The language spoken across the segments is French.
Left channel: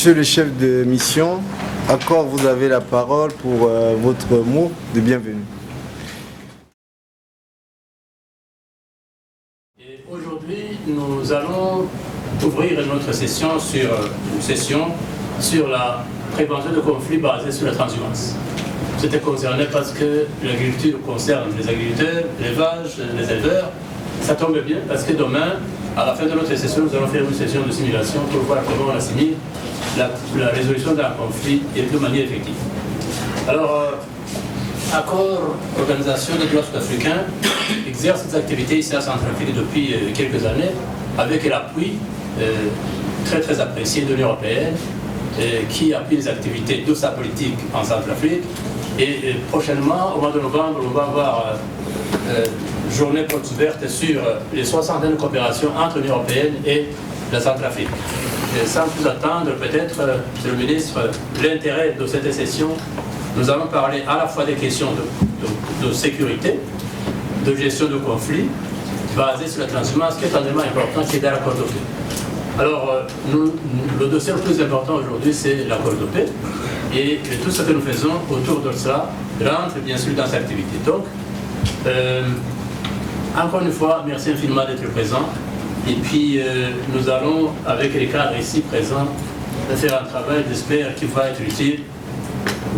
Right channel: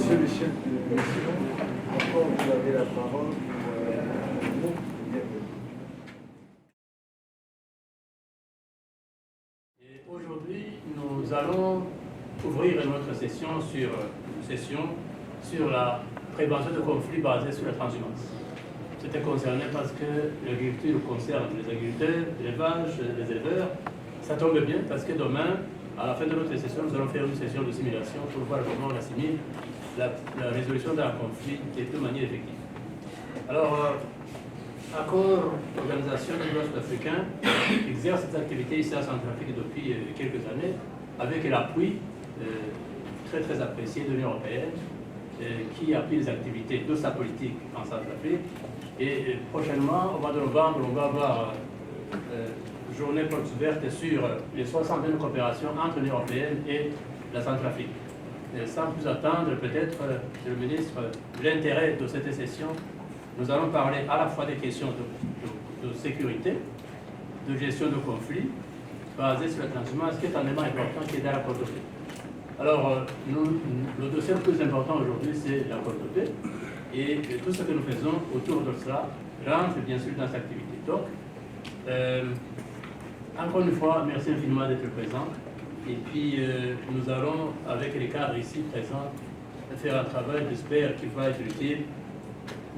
Monsieur le chef de mission, encore vous avez la parole pour votre mot de bienvenue. Et aujourd'hui, nous allons ouvrir notre session sur la prévention de conflits basés sur la transhumance. C'était concerné parce que l'agriculture concerne les agriculteurs, l'élevage, les éleveurs. Ça tombe bien parce que demain, à la fin de notre session, nous allons faire une session de simulation pour voir comment on assimile la résolution d'un conflit de manière effective. Alors, Accord Organisation des droits sud-africains exerce ses activités ici à Centrafrique depuis quelques années avec l'appui très apprécié de l'Union européenne qui appuie les activités de sa politique en Centrafrique. Et prochainement, au mois de novembre, on va avoir journée porte ouverte sur les 60 ans de coopération entre l'Union européenne et la Centrafrique. Et sans plus attendre, peut-être, Monsieur le ministre, l'intérêt de cette session, nous allons parler à la fois des questions de sécurité, de gestion de conflits, basées sur la transhumance, qui est un élément important, qui est dans l'accord de paix. Alors, le dossier le plus important aujourd'hui, c'est l'accord de paix. Et tout ce que nous faisons autour de cela rentre bien sûr dans cette activité. Donc, encore une fois, merci infiniment d'être présent. Et puis, nous allons, avec les cadres ici présents, faire un travail, j'espère, qui va être utile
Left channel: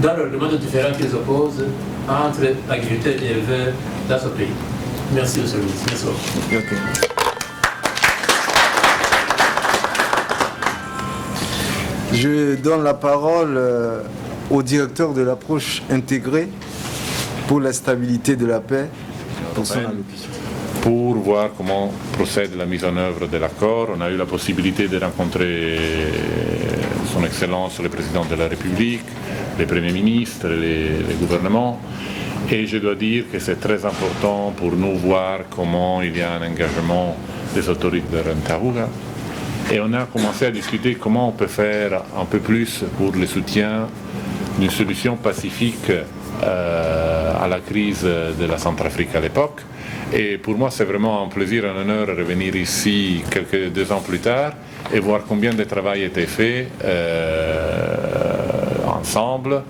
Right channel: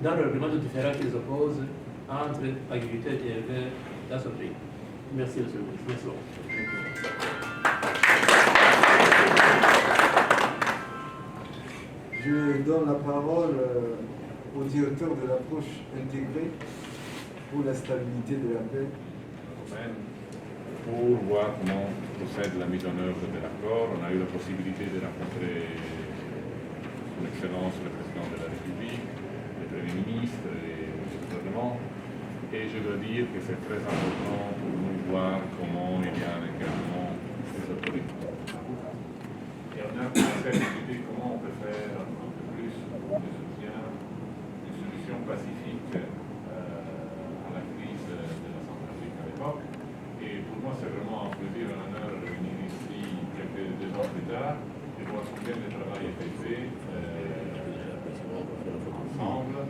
dans le règlement différents qui les opposent entre agriculteurs et éleveurs dans ce pays. Merci, monsieur le ministre. Merci beaucoup. Okay. Je donne la parole au directeur de l'approche intégrée pour la stabilité de la paix pour son allocution. Pour voir comment procède la mise en œuvre de l'accord, on a eu la possibilité de rencontrer son Excellence le Président de la République, les Premiers ministres, les gouvernements. Et je dois dire que c'est très important pour nous voir comment il y a un engagement des autorités de Ntaruga. Et on a commencé à discuter comment on peut faire un peu plus pour le soutien d'une solution pacifique à la crise de la Centrafrique à l'époque. Et pour moi, c'est vraiment un plaisir, un honneur de revenir ici 2 ans plus tard et voir combien de travail a été fait ensemble.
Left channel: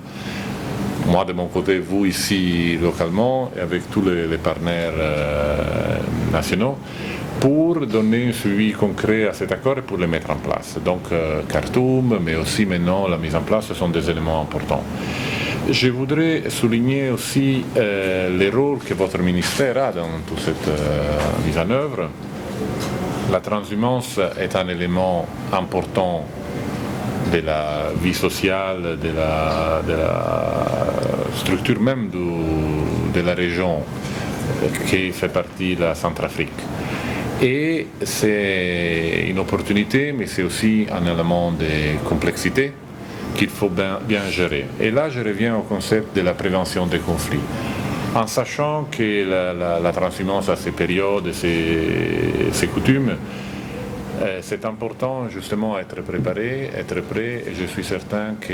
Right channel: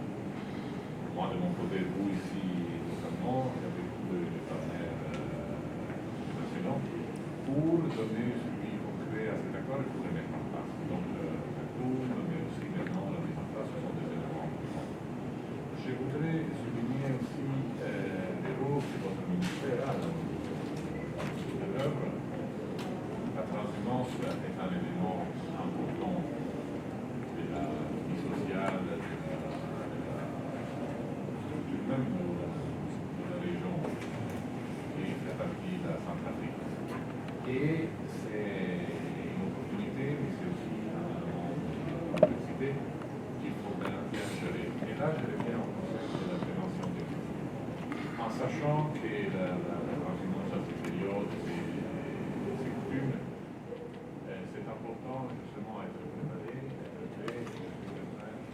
Moi de mon côté, vous ici localement, et avec tous les partenaires nationaux, pour donner un suivi concret à cet accord et pour le mettre en place. Donc Khartoum, mais aussi maintenant la mise en place, ce sont des éléments importants. Je voudrais souligner aussi le rôle que votre ministère a dans toute cette mise en œuvre. La transhumance est un élément important de la vie sociale, de la structure même de la région qui fait partie de la Centrafrique. Et c'est une opportunité, mais c'est aussi un élément de complexité qu'il faut bien gérer. Et là, je reviens au concept de la prévention des conflits. En sachant que la transhumance a ses périodes et ses coutumes, c'est important justement être préparé, être prêt, et je suis certain que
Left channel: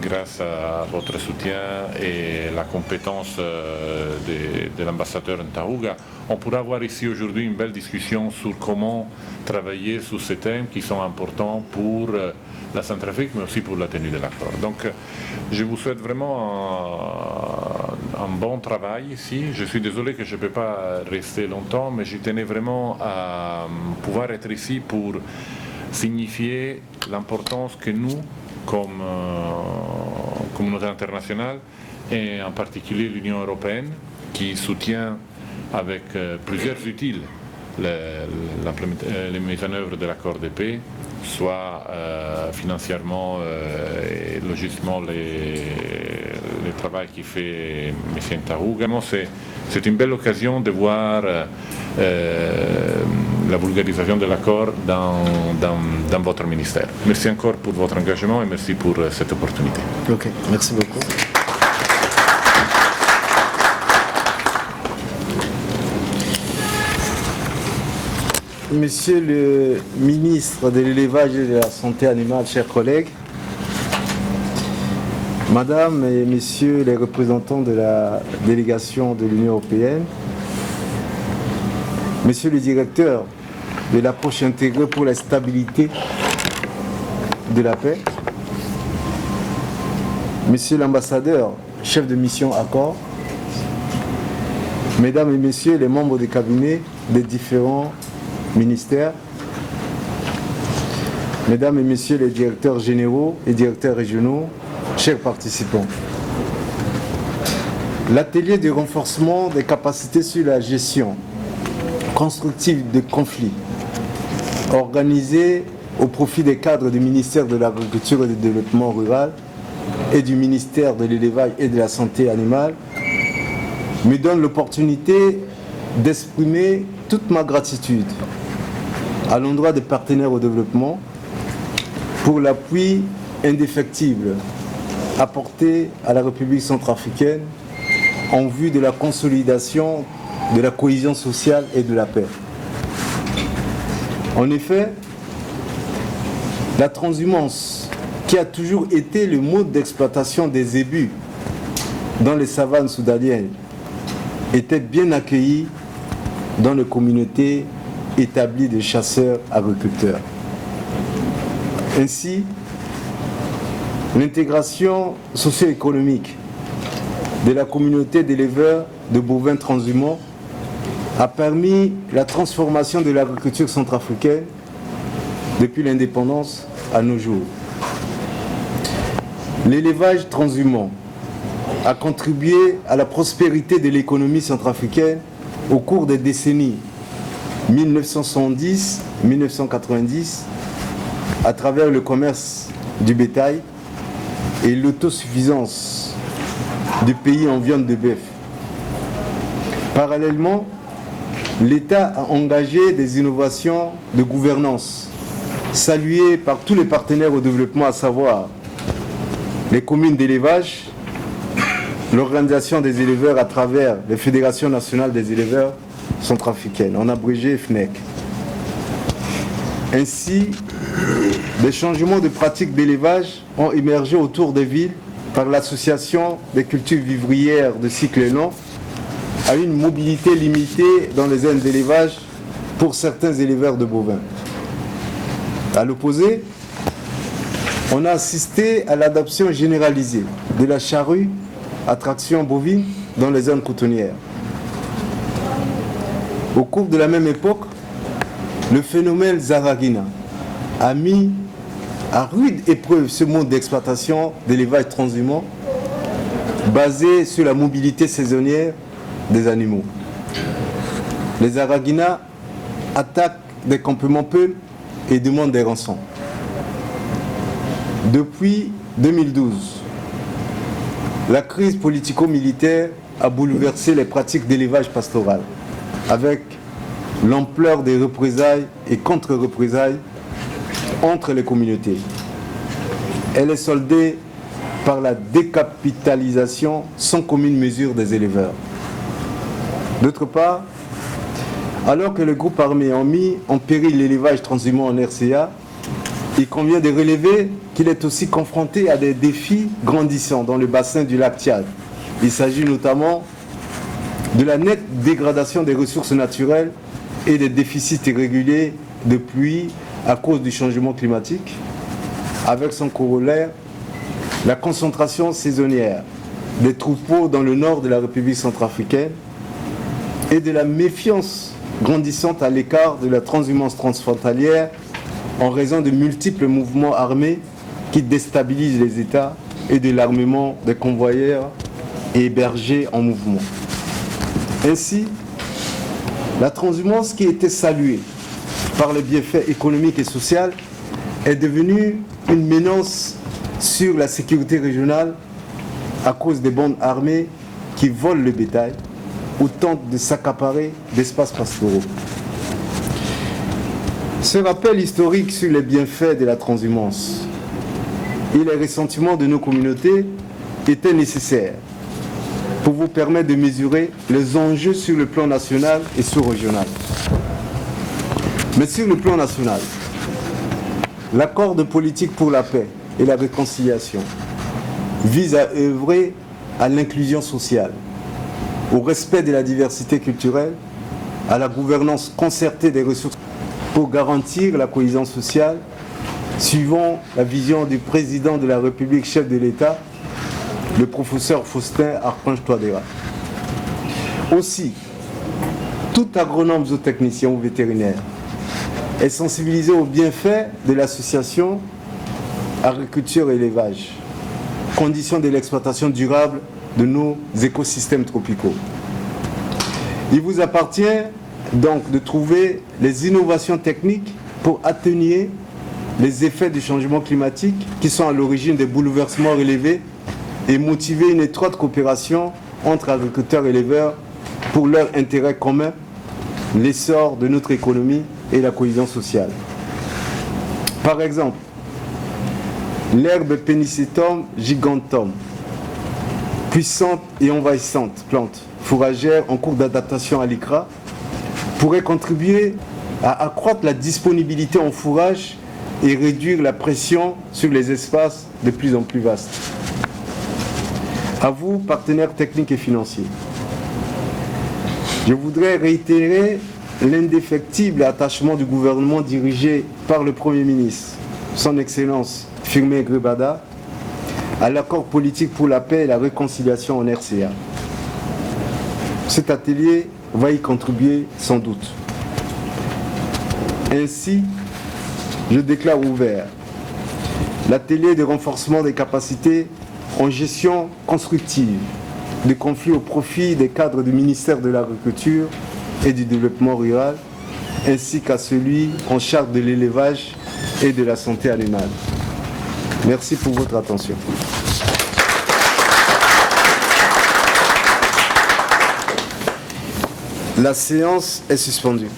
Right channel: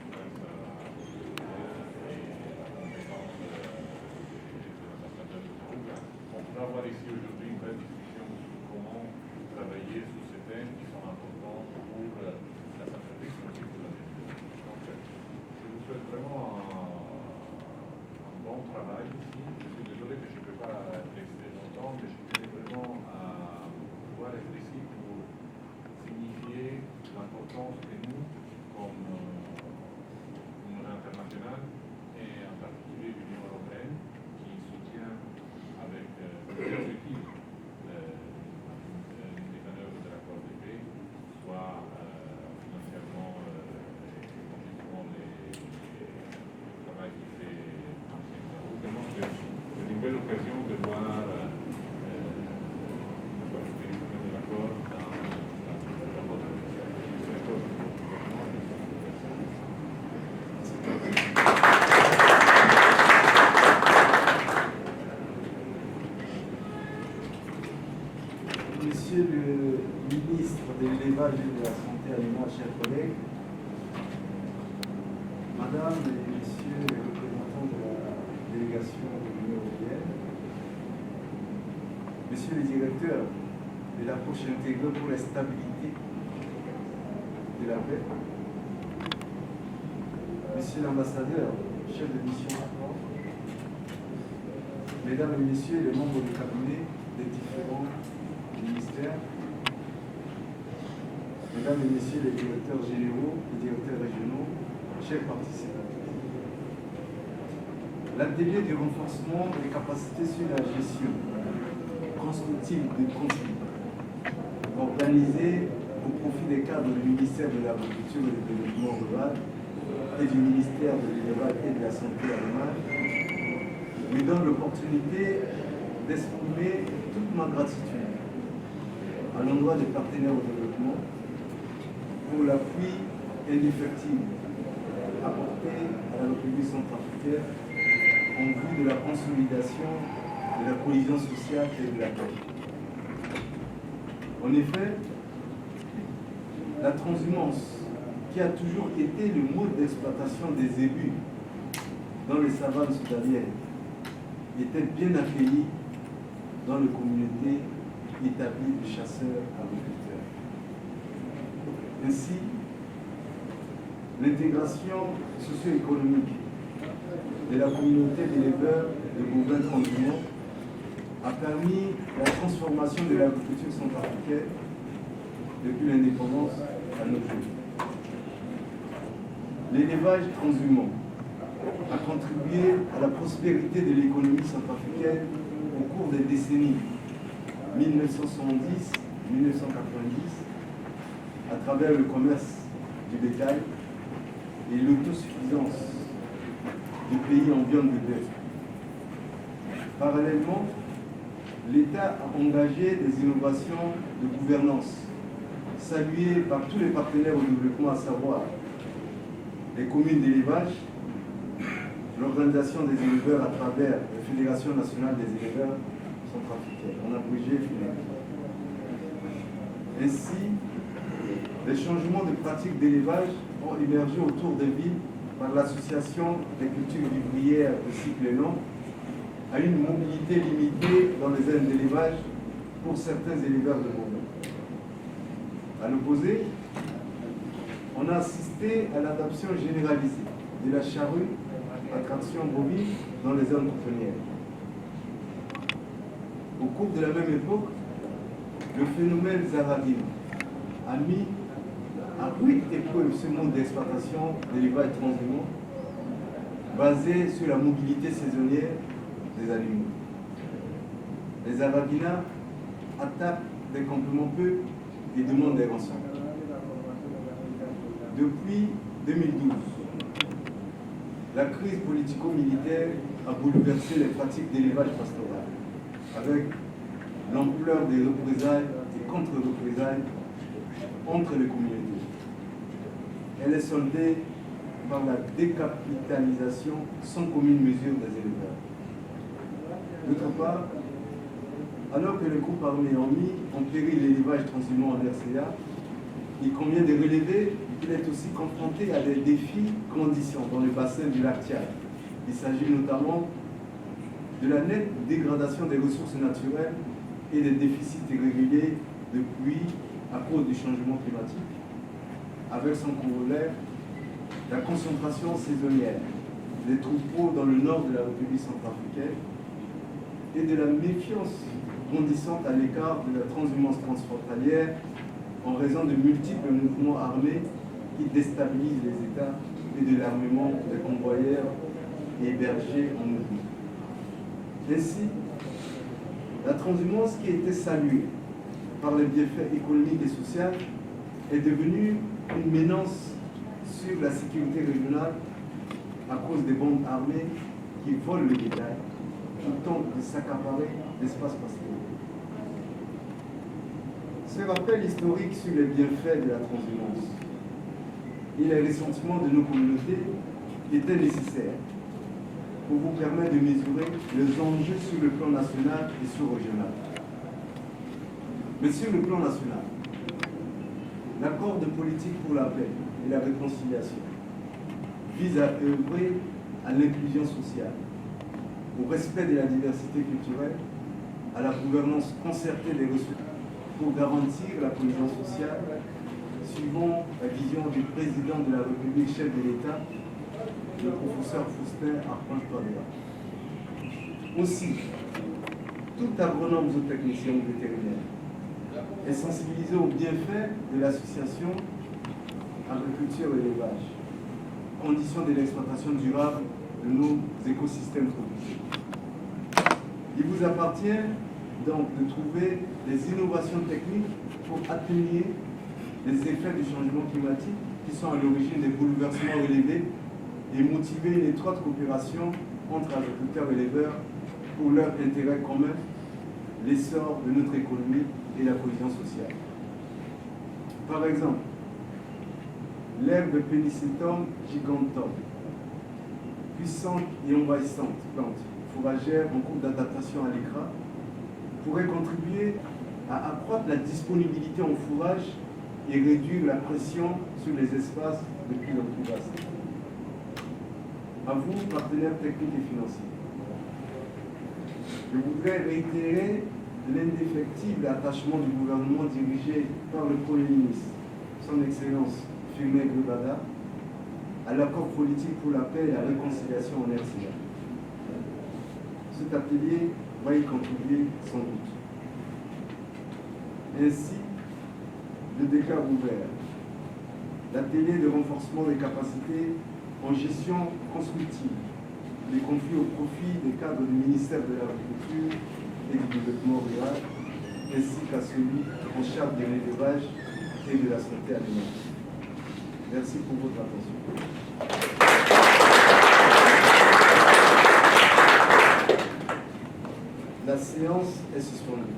grâce à votre soutien et la compétence de l'ambassadeur Ntaruga, on pourra avoir ici aujourd'hui une belle discussion sur comment travailler sur ces thèmes qui sont importants pour la Centrafrique, mais aussi pour la tenue de l'accord. Donc, je vous souhaite vraiment un bon travail ici. Je suis désolé que je ne peux pas rester longtemps, mais je tenais vraiment à pouvoir être ici pour signifier l'importance que nous, comme communauté internationale, et en particulier l'Union européenne, qui soutient avec plusieurs utiles les mises en œuvre de l'accord de paix, soit financièrement et logistiquement le travail qui fait M. Ntaruga. C'est une belle occasion de voir la vulgarisation de l'accord dans votre ministère. Merci encore pour votre engagement et merci pour cette opportunité. Ok, merci beaucoup. Monsieur le ministre de l'Élevage et de la Santé animale, chers collègues, Madame et Messieurs les représentants de la délégation de l'Union européenne, Monsieur le directeur de l'approche intégrée pour la stabilité de la paix, Monsieur l'ambassadeur, chef de mission Accord, Mesdames et Messieurs les membres des cabinets des différents ministères, Mesdames et Messieurs les directeurs généraux et directeurs régionaux, chers participants. L'atelier de renforcement des capacités sur la gestion constructive des conflits, organisé au profit des cadres du ministère de l'Agriculture et du Développement rural et du ministère de l'Élevage et de la Santé animale, me donne l'opportunité d'exprimer toute ma gratitude à l'endroit des partenaires au développement pour l'appui indéfectible apporté à la République centrafricaine en vue de la consolidation de la cohésion sociale et de la paix. En effet, la transhumance, qui a toujours été le mode d'exploitation des zébus dans les savanes soudaniennes, était bien accueillie dans les communautés établies de chasseurs-agriculteurs. Ainsi, l'intégration socio-économique de la communauté d'éleveurs de bovins transhumants a permis la transformation de l'agriculture centrafricaine depuis l'indépendance à nos jours. L'élevage transhumant a contribué à la prospérité de l'économie centrafricaine au cours des décennies 1970-1990 à travers le commerce du bétail et l'autosuffisance du pays en viande de bœuf. Parallèlement, l'État a engagé des innovations de gouvernance saluées par tous les partenaires au développement, à savoir les communes d'élevage, l'organisation des éleveurs à travers les fédérations nationales des éleveurs centrafricaines, en abrégé FNEC. Ainsi, des changements de pratiques d'élevage ont émergé autour des villes par l'association des cultures vivrières de cycle long à une mobilité limitée dans les aires d'élevage pour certains éleveurs de bovins. À l'opposé, on a assisté à l'adoption généralisée de la charrue à traction bovine dans les zones cotonnières. Au cours de la même époque, le phénomène Zaragina a mis à rude épreuve ce mode d'exploitation d'élevage transhumant basé sur la mobilité saisonnière des animaux. Les Zaragina attaquent des campements peuples et demandent des rançons. Depuis 2012, la crise politico-militaire a bouleversé les pratiques d'élevage pastoral avec l'ampleur des représailles et contre-représailles entre les communautés. Elle est soldée par la décapitalisation sans commune mesure des éleveurs. D'autre part, alors que le groupe armé a mis en péril l'élevage transhumant en RCA, il convient de relever qu'il est aussi confronté à des défis grandissants dans le bassin du lac Tchad. Il s'agit notamment de la nette dégradation des ressources naturelles et des déficits irréguliers de pluie à cause du changement climatique, avec son corollaire, la concentration saisonnière des troupeaux dans le nord de la République centrafricaine et de la méfiance grandissante à l'écart de la transhumance transfrontalière en raison de multiples mouvements armés qui déstabilisent les États et de l'armement des convoyeurs et hébergés en mouvement. Ainsi, la transhumance qui était saluée par les bienfaits économiques et sociaux est devenue une menace sur la sécurité régionale à cause des bandes armées qui volent le bétail ou tentent de s'accaparer d'espaces pastoraux. Ce rappel historique sur les bienfaits de la transhumance et les ressentiments de nos communautés était nécessaire pour vous permettre de mesurer les enjeux sur le plan national et sous-régional. Mais sur le plan national, l'accord de politique pour la paix et la réconciliation vise à œuvrer à l'inclusion sociale, au respect de la diversité culturelle, à la gouvernance concertée des ressources pour garantir la cohésion sociale suivant la vision du président de la République, chef de l'État, le professeur Faustin Archange Touadéra. Aussi, tout agronome zootechnicien ou vétérinaire est sensibilisé aux bienfaits de l'association agriculture-élevage, condition de l'exploitation durable de nos écosystèmes tropicaux. Il vous appartient donc de trouver les innovations techniques pour atténuer les effets du changement climatique qui sont à l'origine des bouleversements relevés et motiver une étroite coopération entre agriculteurs et éleveurs pour leur intérêt commun, l'essor de notre économie et la cohésion sociale. Par exemple, l'herbe Pennisetum giganteum, puissante et envahissante plante fourragère en cours d'adaptation à l'ICRA, pourrait contribuer à accroître la disponibilité en fourrage et réduire la pression sur les espaces de plus en plus vastes. À vous, partenaires techniques et financiers, je voudrais réitérer l'indéfectible attachement du gouvernement dirigé par le Premier ministre, son Excellence Firmin Grebada, à l'accord politique pour la paix et la réconciliation en RCA. Cet atelier va y contribuer sans doute. Ainsi, je déclare ouvert l'atelier de renforcement des capacités en gestion constructive des conflits au profit des cadres du ministère de l'Agriculture et du Développement rural, ainsi qu'à celui en charge de l'élevage et de la santé animale. Merci pour votre attention. La séance est suspendue.